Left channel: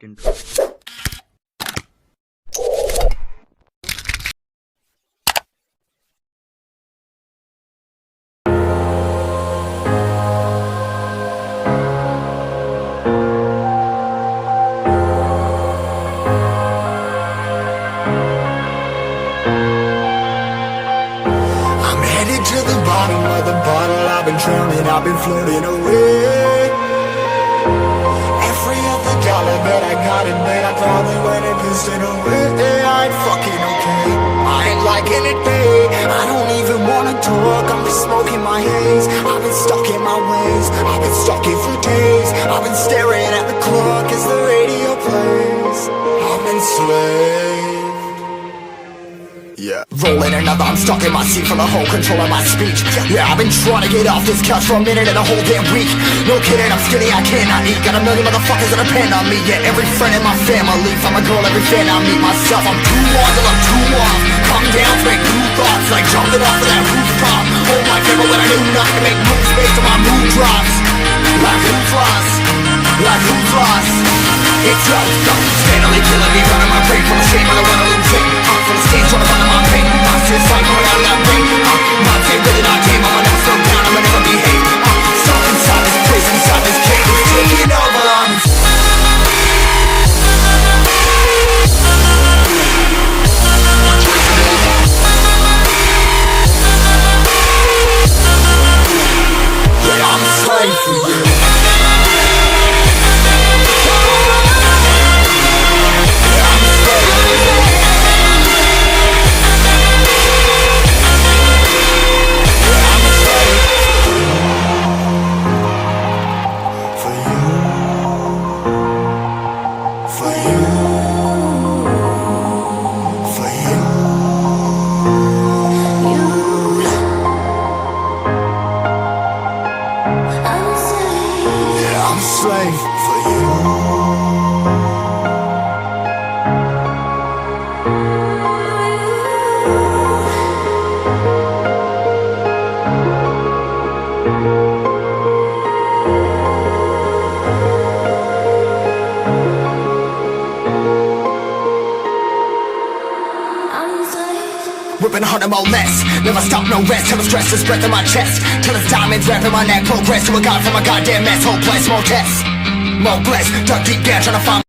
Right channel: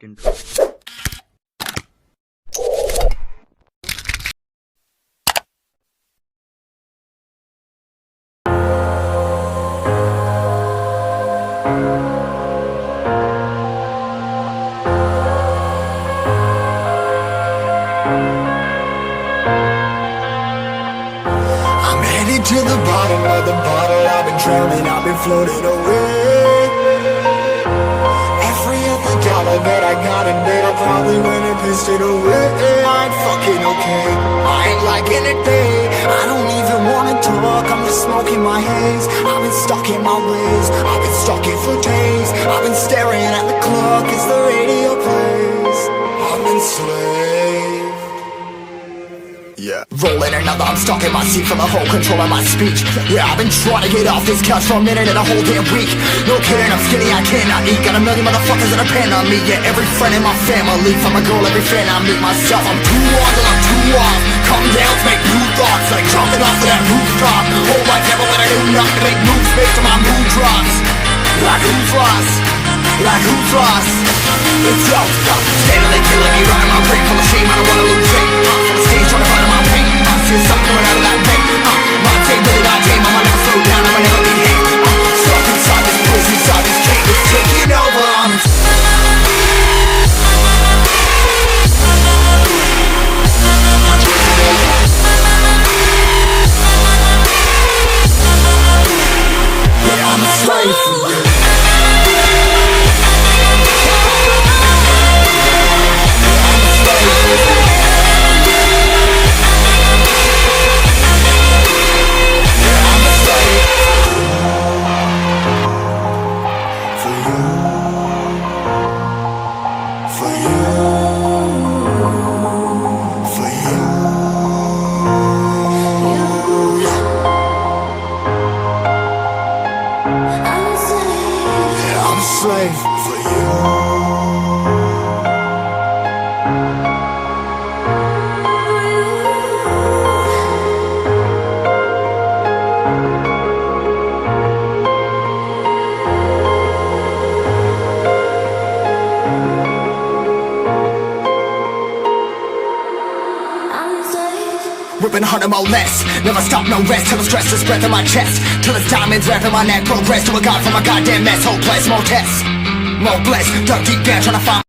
intro. I'm headed to the bottom of the bottle. I've been drowning, I've been floating away. Every other dollar that I got in bed, I probably went and pissed it away. I ain't fucking okay, I ain't liking it, babe. I don't even wanna talk, I'm just smoking my haze. I've been stuck in my ways, I've been stuck in for days. I've been staring at the clock as the radio plays. I'm enslaved. Yeah, rolling another, I'm stuck in my seat from the whole control of my speech. Yeah, I've been trying to get off this couch for a minute and a whole damn week. No kidding, I'm skinny, I cannot eat. Got a million motherfuckers that depend on me. Yeah, every friend in my family, from a girl, every fan I meet myself. I'm too on till I'm too off. Come down to make new thoughts, like jumping off of that rooftop. Oh my devil, when I do nothing to make moves based on my mood drops. Like who's lost? Like who's lost? It's yo, steadily killing me, running my brain full of shame. I don't wanna lose it. Full of stage, trying to find my pain. I see the sun coming out of that rain. My day really not tame. I'ma never slow down, I'ma never behave. Stuck inside this prison, inside this cage. It's taking over. Yeah, I'm a slave for you. I'm a slave for you. Ripping harder, more less. Never stop, no rest. Till the stress is breath in my chest. Till it's diamonds wrapping my neck. Progress to a god from a goddamn mess. Hopeless, more tests, more blessed. Dug deep down trying to find